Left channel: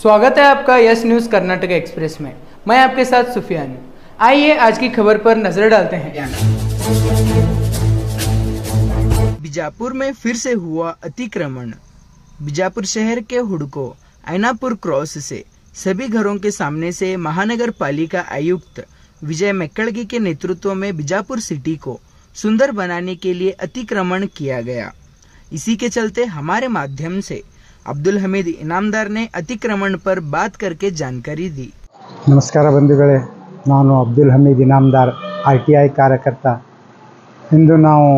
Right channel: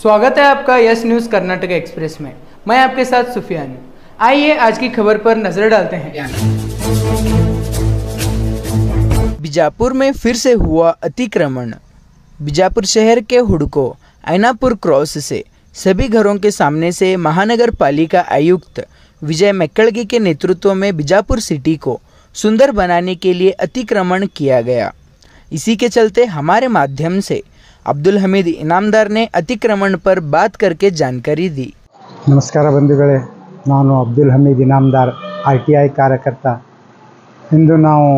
स्वागत है आपका यस न्यूज़ कर्नाटक एक्सप्रेस में। मैं आपके साथ सुफियान। आइए आज की खबर पर नजर डालते हैं। बीजापुर में फिर से हुआ अतिक्रमण। बीजापुर शहर के हुडको ऐनापुर क्रॉस से सभी घरों के सामने से महानगर पालिका आयुक्त विजय मैक्कड़गी के नेतृत्व में बीजापुर सिटी को सुंदर बनाने के लिए अतिक्रमण किया गया। इसी के चलते हमारे माध्यम से अब्दुल हमीद इनामदार ने अतिक्रमण पर बात करके जानकारी दी। नमस्कार बंधुगळे, ನಾನು ಅಬ್ದುಲ್ ಹಮೀದ್ ಇನಾಮದಾರ್ RTI ಕಾರ್ಯಕರ್ತ। ಇಂದು ನಾವು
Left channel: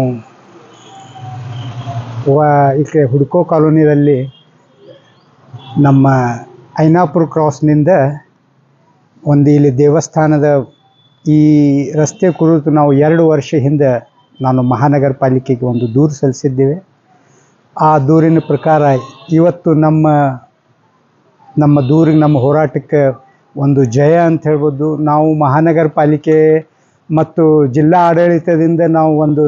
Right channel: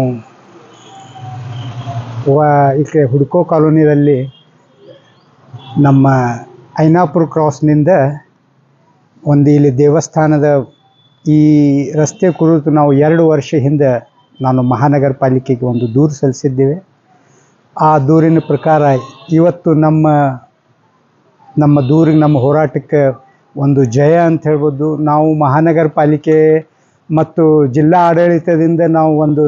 ಇಲ್ಲಿ ಹುಡ್ಕೋ ಕಾಲೋನಿಯಲ್ಲಿ ನಮ್ಮ ಐನಾಪುರ ಕ್ರಾಸ್ನಿಂದ ಒಂದು ಇಲ್ಲಿ ದೇವಸ್ಥಾನದ ಈ ರಸ್ತೆ ಕುರಿತು ನಾವು 2 ವರ್ಷ ಹಿಂದೆ ನಾನು ಮಹಾನಗರ ಪಾಲಿಕೆಗೆ ಒಂದು ದೂರು ಸಲ್ಲಿಸಿದ್ದೇವೆ। ಆ ದೂರಿನ ಪ್ರಕಾರ ಇವತ್ತು ನಮ್ಮ ದೂರಿಗೆ ನಮ್ಮ ಹೋರಾಟಕ್ಕೆ ಒಂದು ಜಯ ಅಂತ ಹೇಳ್ಬೋದು। ನಾವು ಮಹಾನಗರ ಪಾಲಿಕೆ ಮತ್ತು ಜಿಲ್ಲಾ ಆಡಳಿತದಿಂದ ನಾವು ಒಂದು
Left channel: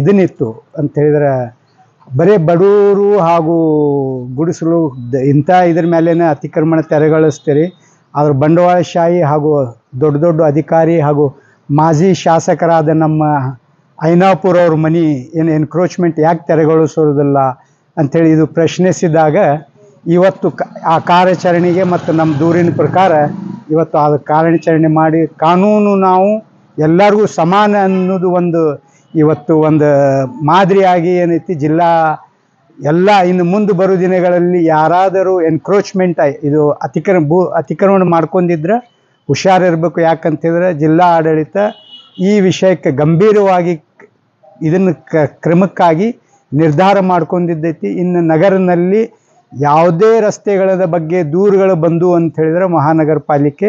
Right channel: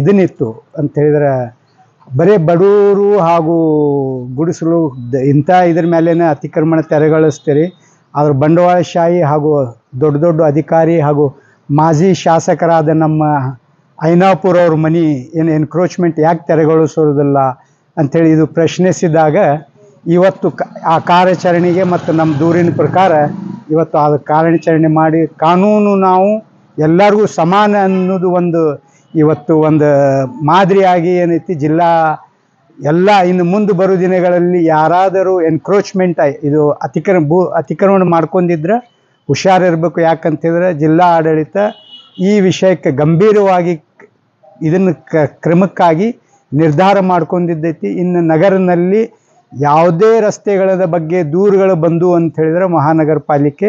ಇದನ್ನಿತ್ತು ಅಂತ ಹೇಳಿದ್ರೆ ಬರೀ ಬಡವರು ಹಾಗೂ ಗುಡಿಸಲು ಇಂಥ ಇದ್ರ ಮೇಲೇನೆ ಅತಿಕ್ರಮಣ ತೆರವುಗೊಳಿಸ್ತೀರಿ। ಆದ್ರೆ ಬಂಡವಾಳಶಾಹಿ ಹಾಗೂ ದೊಡ್ಡ ದೊಡ್ಡ ಅಧಿಕಾರಿ ಹಾಗೂ ಮಾಜಿ ಶಾಸಕರಾದ ನಮ್ಮ ಐನಾಪುರ ಅವ್ರ ಮನೆ ಏನು ಎನ್ಕ್ರೋಚ್ಮೆಂಟ್ ಯಾಕೆ ತೆರವುಗೊಳಿಸೋದಿಲ್ಲ ಅಂಥೇಳಿ ಇದು ಪ್ರಶ್ನಿಸಿದಾಗ ಇವತ್ತು ಆ ಕಾರ್ಯಾಚರಣೆಗೆ ಮತ್ತು ನಮ್ಮ ದೂರಿನ ಪ್ರಕಾರ ಇವತ್ತು ಅದು ಕಾರ್ಯಾಚರಣೆ ಮಾಡಿ ಕಾನೂನು ನಾವು ಎಲ್ಲರಿಗೂ ಸಮಾನ ಅನ್ನೋದು ಒಂದು ಇವತ್ತು ಒಂದು ಮಾದರಿಯಾಗಿ ಏನೈತಿ ಜಿಲ್ಲಾ ಎಲ್ಲ ಇನ್ನು ಮುಂದೆ ಬರೋ ದಿನಗಳಲ್ಲಿ ಯಾರಾದರೂ ಎನ್ಕ್ರೋಚ್ಮೆಂಟ್ ಇದು ಅತಿಕ್ರಮಣ ಮಾಡ್ಕೊಂಡಿದ್ರೆ ಹುಷಾರಿರಬೇಕು। ಯಾಕಂತಂದರೆ ಜಿಲ್ಲಾ ಆಡಳಿತ ಈ ವಿಷಯಕ್ಕೆ ಗಂಭೀರವಾಗಿ ಇದನ್ನು ಕ್ರಮಕ್ಕಾಗಿ ನಿರ್ಧಾರ ಮಾಡ್ಕೊಂಡಿದ್ದೈತಿ। ಇನ್ನು ನಗರದಲ್ಲಿ ಯಾವುದೇ ರಸ್ತೆಗಳ ಬಗ್ಗೆ ದೂರುಗಳು ಬಂದು ಅಂತ ಹೇಳಿದ್ರೆ ಮಹಾನಗರ ಪಾಲಿಕೆ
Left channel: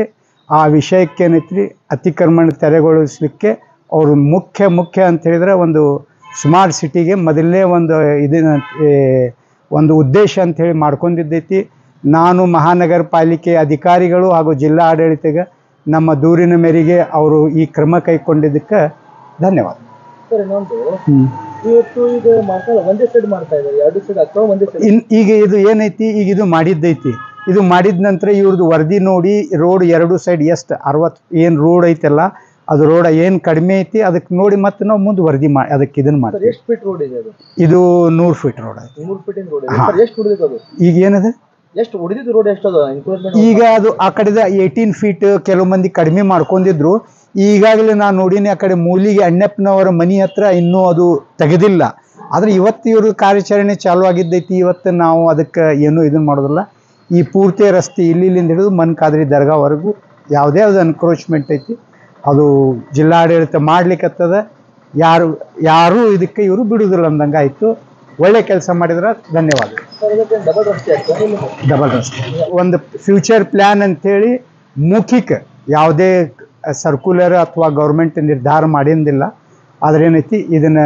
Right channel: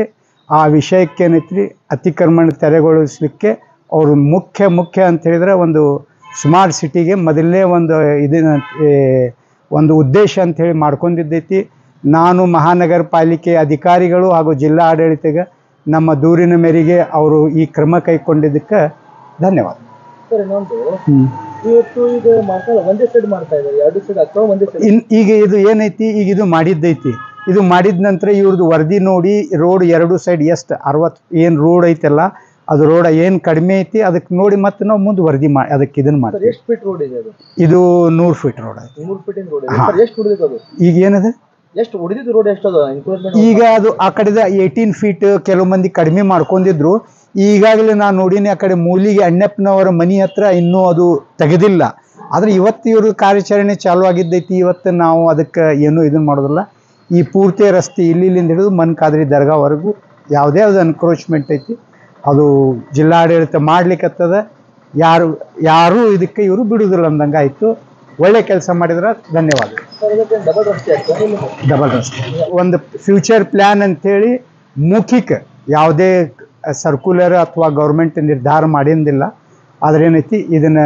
ಆ ವಿಷಯಕ್ಕೆ ಏನೈತಿ ಅತಿಕ್ರಮಣ ತೆರವುಗೊಳಿಸಲಿಕ್ಕೆ ಅವರು ಮುಖ್ಯ ಅಂತ ಹೇಳಿದ್ರೆ ಒಂದು ಸ್ಮಾರ್ಟ್ ಸಿಟಿಗೆ ಮೊದಲನೇ ಒಂದು ಉದ್ದೇಶ ಅಂತ ಹೇಳಿ ಮಾಡ್ಕೊಂಡಿದ್ದೈತಿ। ನಾನು ಮಹಾನಗರ ಪಾಲಿಕೆ ಅಧಿಕಾರಿಗಳು ಹಾಗೂ ಜಿಲ್ಲಾ ಆಡಳಿತಗೆ ನಮ್ಮ ದೂರಿನ ಮೇರೆಗೆ ಅವರು ಈ ಕ್ರಮ ಕೈಗೊಂಡಿದ್ದಕ್ಕೆ ಧನ್ಯವಾದ। ಈಗ ಇದು ಏನೈತಿ, ಈಗ ಇದು ಮಾಡಿದ್ದೈತಿ, ಇದು ಮಾಡಿದ ನಂತರ ಇವ್ರದ್ದು ವರದಿ ನೋಡಿ ರೋಡ್ 2 ಸೈಡ್ ಎಷ್ಟು 60 ಏನು ರೋಡ್ ಐತಲ್ಲ ಅದು ರೋಡ್ ಏನು ಕಡಿಮೆ ಐತಿ ಅದಕ್ಕೆ ನೋಡಿ ಮತ್ತೆ ನಾವು ಮುಂದೆ ವರದಿ ಮಾಡಿ ಅದಕ್ಕೆ ಇದನ್ನು ಮಾಡಿ। ಎಷ್ಟು ಫೀಟ್ ರೋಡ್ ಇದೆ ಅದು? ಇದು 100 ಫೀಟ್ ರೋಡ್ ಐತಿ। 100 ಫೀಟ್ ರೋಡ್ ಎಷ್ಟು ಉಳಿದಿದೆ ಅದು? ಈಗ ಏನದ ಎಷ್ಟು ಉಳಿದಿದ್ದು ರೋಡ್ ಎಷ್ಟು ಅದು? ಈಗ ಅದು ಆ ಕಡೆದ 18 ಫೀಟ್ ಕೆಲವು ಮಂದಿ ಕಡಿಮೆ ಮಾಡ್ಕೊಂಡಿದ್ರು। ಈಗಾಗಲೇ ನಾನು ನೋಡಿನಿ ಆ ಕಡೆ ಮೂಲಿಗೆ ಅಣ್ಣಪ್ಪನವರ ಮನೆ ಹತ್ರ ಇನ್ನೂ ಅದು ತೆಗೆದಿಲ್ಲ। ಆದರೆ ಇವತ್ತು ಇವರು ಕಾರ್ಯಾಚರಣೆ ಚಾಲು ಆಗಿದ್ದೈತಿ। ಇವತ್ತು ನಾವು ಅದಕ್ಕೆ ಏನೂ ಇದನ್ನು ಮಾಡೋದಿಲ್ಲ। ಈ ಪೂರ್ತಿ ರಸ್ತೆ ಇಲ್ಲಿಂದ ಹಿಡಿದು ಮನ್ಕಾದ್ರಿ ದರ್ಗಾವರೆಗೂ ಯಾವುದೇ ಅನ್ಕ್ರೋಚ್ಮೆಂಟ್ ಐತಿ ಅದು ಜಿಲ್ಲಾಡಳಿತ ಮಾಡ್ಲಿಕ್ಕತ್ತದ। ಯಾರು ಇದಕ್ಕೆ ಇವರು ಬಿಡುವುದಿಲ್ಲ ಅಂದಂಗೆ ಆಯಿತು। ಒಳ್ಳೆ ಕೆಲಸ ಮಾಡಿದ್ರೆ ಧನ್ಯವಾದ। ಡಬಲ್ ರಸ್ತೆ ಒಂದು ಫ್ಯೂಚರ್ ಪ್ಲ್ಯಾನ್ ಅಂಥೇಳಿ ಮೌಖಿಕ ಯಾವುದೇ ಸರ್ಕ್ಯುಲರ್ ಅಥವಾ ಗೌರ್ಮೆಂಟ್ ನಿರ್ಧಾರ ಮಾಡಿಂದಿಲ್ಲ। ಆದರೆ ಏನೈತಿ ಇದನ್ನು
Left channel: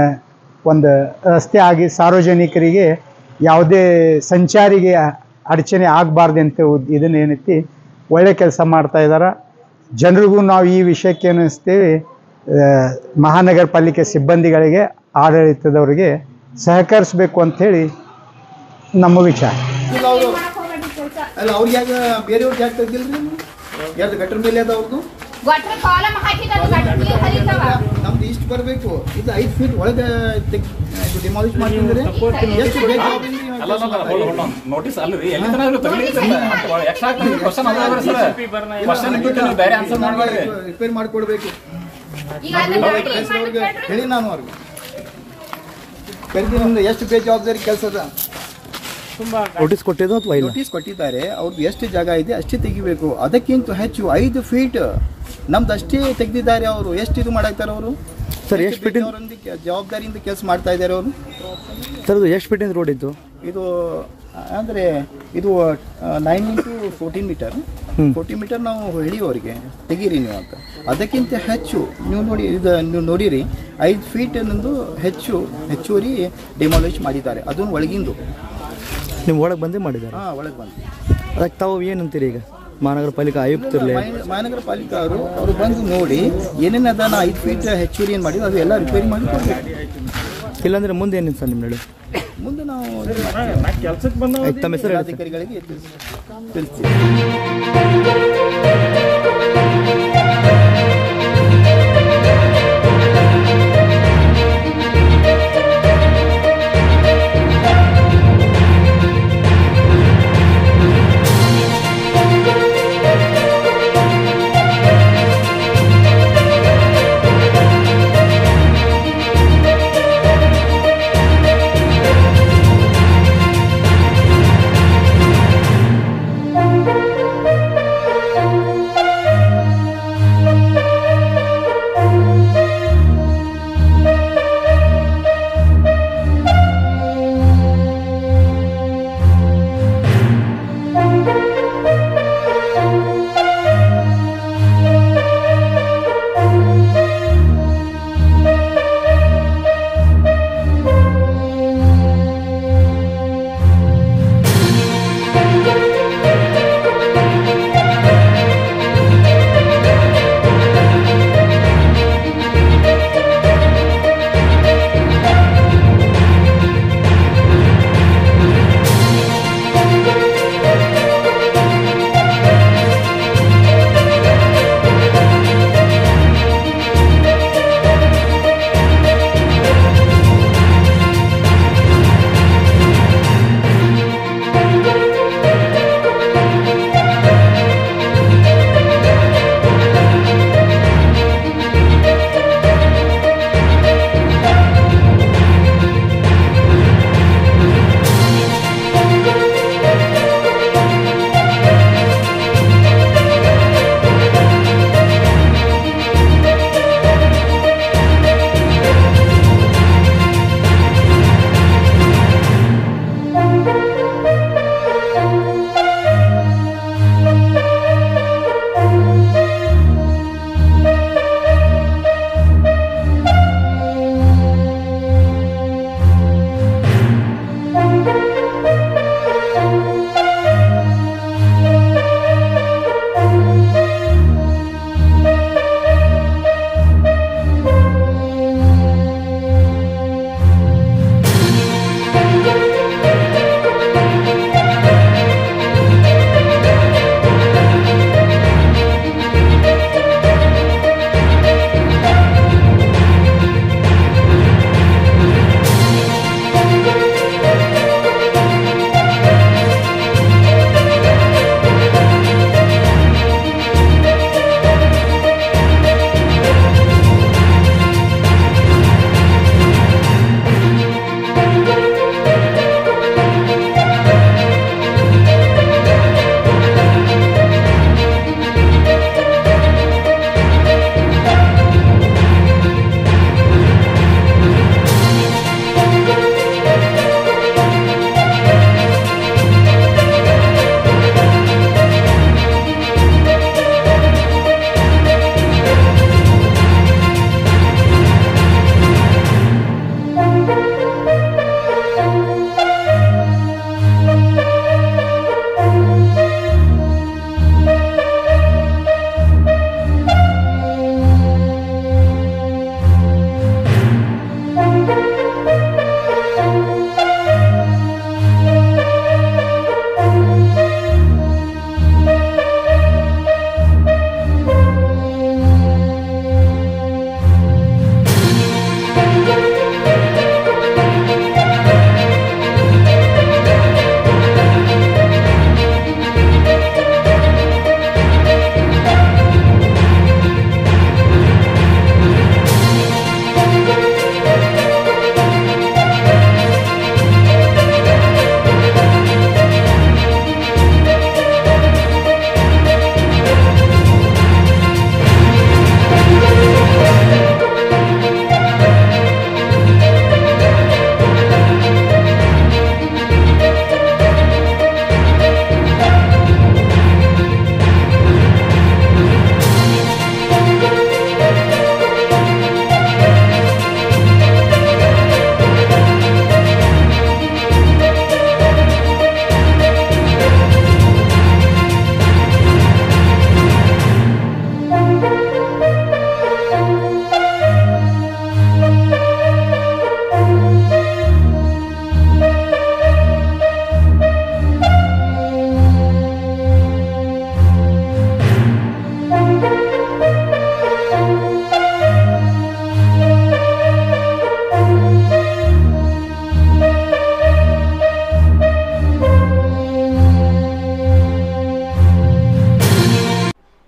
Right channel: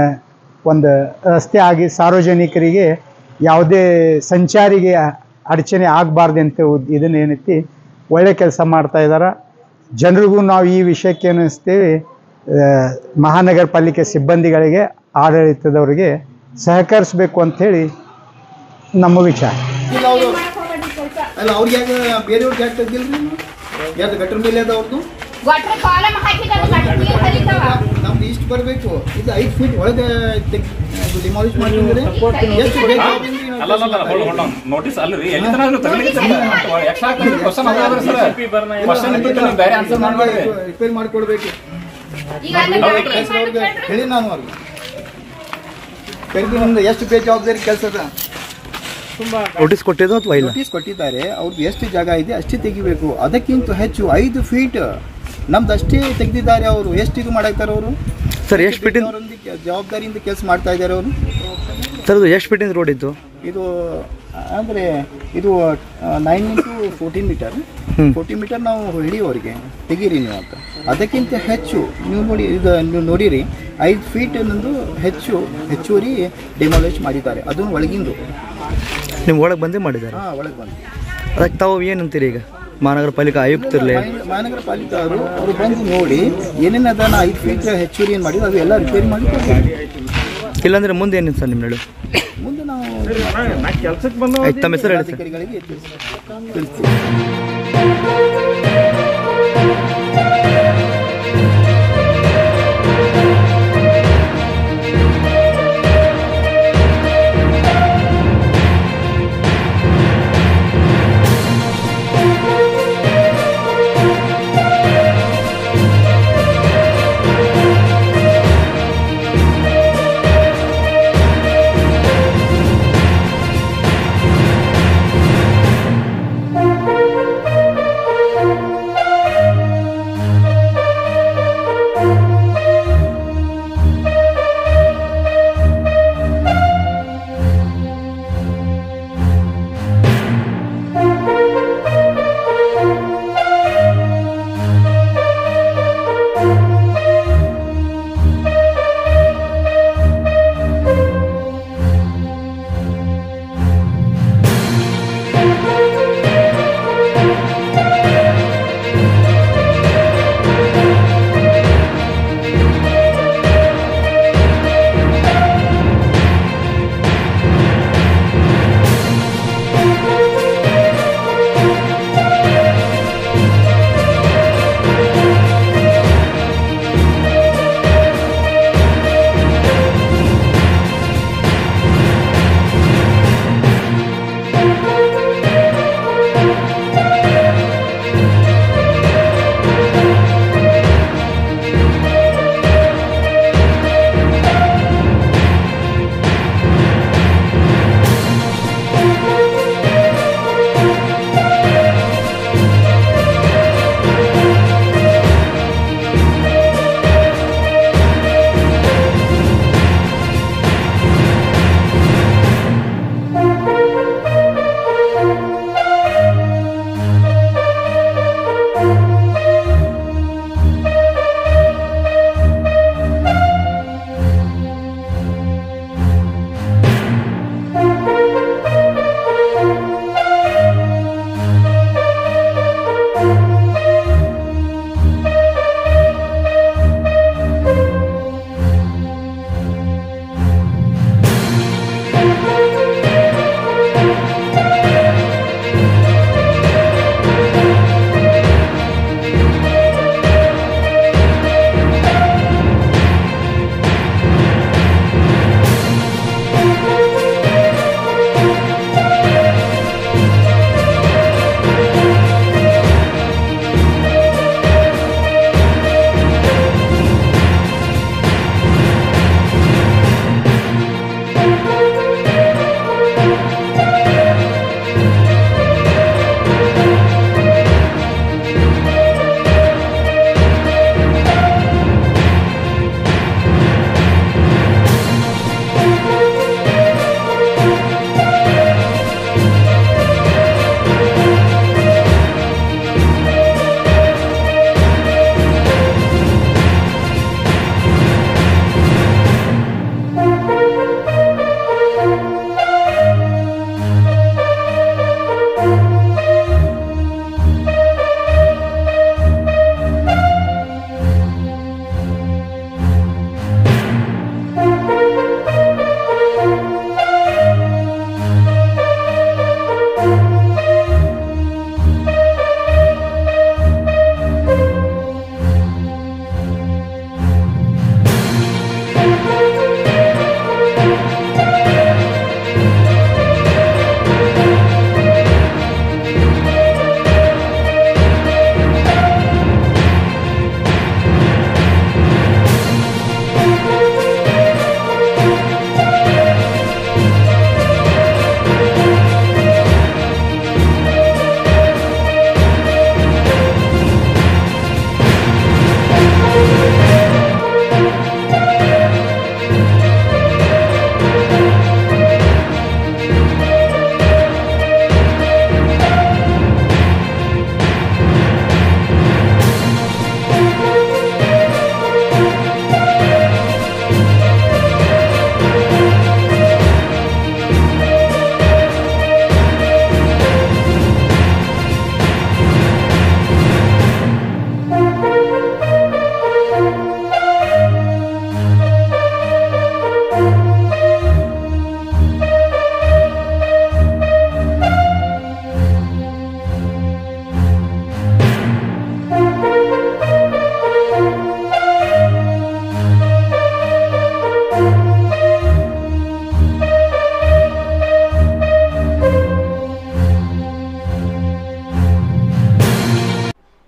ಒಂದು ರಸ್ತೆ ಆಗಿ ಸಾರ್ವಜನಿಕರಿಗೆ ಯಾವುದೇ ಸಂಚಾರಿಗೆ ಅಡಚಣೆ ಆಗಬಾರ್ದು ಅಂತ ಇದನ್ನು ಏನೈತಿ ಒಳ್ಳೆ ಕೆಲಸ ಮಾಡ್ತಾ ಇದ್ದಾರೆ। ಜನರಿಗೂ ನಾವು ಈ ವಿಷಯಕ್ಕೆ ಏನಿಸ್ತೀವಿ ಮಹಾನಗರ ಪಾಲಿಕೆ ಸಿಬ್ಬಂದಿಗಳಿಗೆ ಆಡಳಿತದವರಿಗೆ ಸಹಕರಿಸಬೇಕು ಅಂಥೇಳಿ ನಮ್ಮ ವಿಚಾರ। ಅಲ್ಲ ಅವ್ರಿಗೆ ಯಾಕೆ ಬೇರೆಯವ್ರಿಗೆ ಯಾಕೆ ತೆಗ್ದಿಲ್ರಿ? ಯಾವ್ದು ಗಟ್ರ ಮೇಲೆ ಅದ ಅವ್ರದ್ದು ನಮ್ದು ಇಷ್ಟು ಬರಬೇಕು। ಇದು 5 ಫೀಟ್ ಒಳಗೆ ಡಿಮಾಲಿಷ್ ಮಾಡಿದ್ರೆ ಎಷ್ಟು ಬೇಕು ನೋಟಿಸ್ ಅಲ್ರಿ ರಿಪೇರ್ ಮಾಡ್ಕೊಡ್ಬೇಕು ಹೇಳಿ ನಾನು ಅವ್ರಿಗೆ ಕರೆದಿ ನಿಮ್ದು ಎಷ್ಟು ಬೇಜವಾಬ್ದಾರಿ ಕೆಲಸ ಅದ ನೋಟಿಸ್ ಕೊಟ್ಟಿದ್ದು ಅಥವಾ ನೋಟಿಸ್ ಕೊಟ್ಟಿದ್ದಾರೆ। ಅವ್ರದ್ದು ಎಷ್ಟು ಜಾಗ ಇದೆ ಅಷ್ಟೇ ತೆಗಿಬೇಕು, ಅದಕ್ಕಿಂತ ಹೆಚ್ಚು 5 ಫೀಟ್ ನಮ್ದು ಅಷ್ಟೇ ತೆಗೆದಿದ್ದಾರೆ ಅವರು। ಎಷ್ಟು ಇದು ಮಾಡಾಕ್ತಾರೆ ಅವರು ಸರ್? ಎಷ್ಟು ಫೀಟ್ ಜವಾಬ್ದಾರಿಯಿಂದ ಕೆಲಸ ಮಾಡ್ತಾ ಇದ್ದಾರೆ ಅವರು ಸರ್? ಇದು ಎಷ್ಟು ಫೀಟಿಂದ ರೋಡ್ ಇತ್ತು? ಇದು ಅಂದರೆ ಇದು 9 into 14 ಮೀಟರ್ 40 ಮೀಟರ್ ನಾವು ಹೇಳಿ ಅವರಿಗೆ ತೆಗೀರಿ ನೀವು ಅಂತ। ಅದಕ್ಕಿಂತ ಹೆಚ್ಚು ನೀವು ನೋಡಿ ಇದು ನೀವು ನೋಡಿರಿ 5 ಫೀಟ್ ಅನ್ನೊಂದು ಹೆಚ್ಚುವರಿ ಡೆಮಾಲಿಷ್ ಮಾಡಿದ್ದಾರೆ। ಅದನ್ನು ಒಳಗಿಂದು ನಿಮ್ಮ ಒಳಗೆ ಬಂದೇ ಮಾಡಿದ್ದಾರೆ? ಹಾಂ, ಒಳಗೆ ಬಂದು ಅದಕ್ಕೆ ತಾವು ಏನಂತೀರಿ? ಈಗ ಮಹಾನಗರ ಪಾಲಿಕೆ ಆಯುಕ್ತರಲ್ಲೇ ಮಹಾನಗರ ಪಾಲಿಕೆ ಅವರು ಬಂದು ನೋಡಿ ಏನೇನು ಅದನ್ನು 5 ಫೀಟ್ ಹೆಚ್ಚುವರಿ ಏನು ಮಾಡಿದ್ರು ಅದು ಎಲ್ಲ ರಿಪೇರಿ ಮಾಡಿ ಕೊಡ್ತೀವಿ। ಇಲ್ಲಾಂದ್ರೆ ಮುಂದೆ ಏನಿದೆ ಸರ್ ನಿಮ್ಮ ನಡು? ಮುಂದೆ ನಾವು ನಾವು ಇದು ಮಾಡ್ತೀವಿ. ಕೆಲ್ಸಕ್ಕೆ ಬಂದ ತಮ್ಮ ಹೆಸರು ಹೇಳಿ ಸರ್. ಅಧಿಕಾರಿಗಳಿಗೆ ತಿಳಿಸ್ತೀವಿ.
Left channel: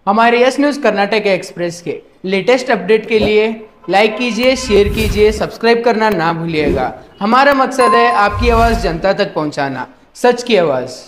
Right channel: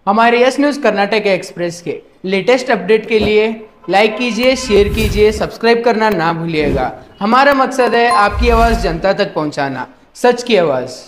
हमारे यस न्यूज़ कर्नाटक एक्सप्रेस के लेटेस्ट अपडेट के लिए लाइक कीजिए, शेयर कीजिए, सब्सक्राइब करना ना भूलिएगा। हमारा मकसद है आपकी आवाज़ जनता तक पहुंचाना, सच की आवाज़।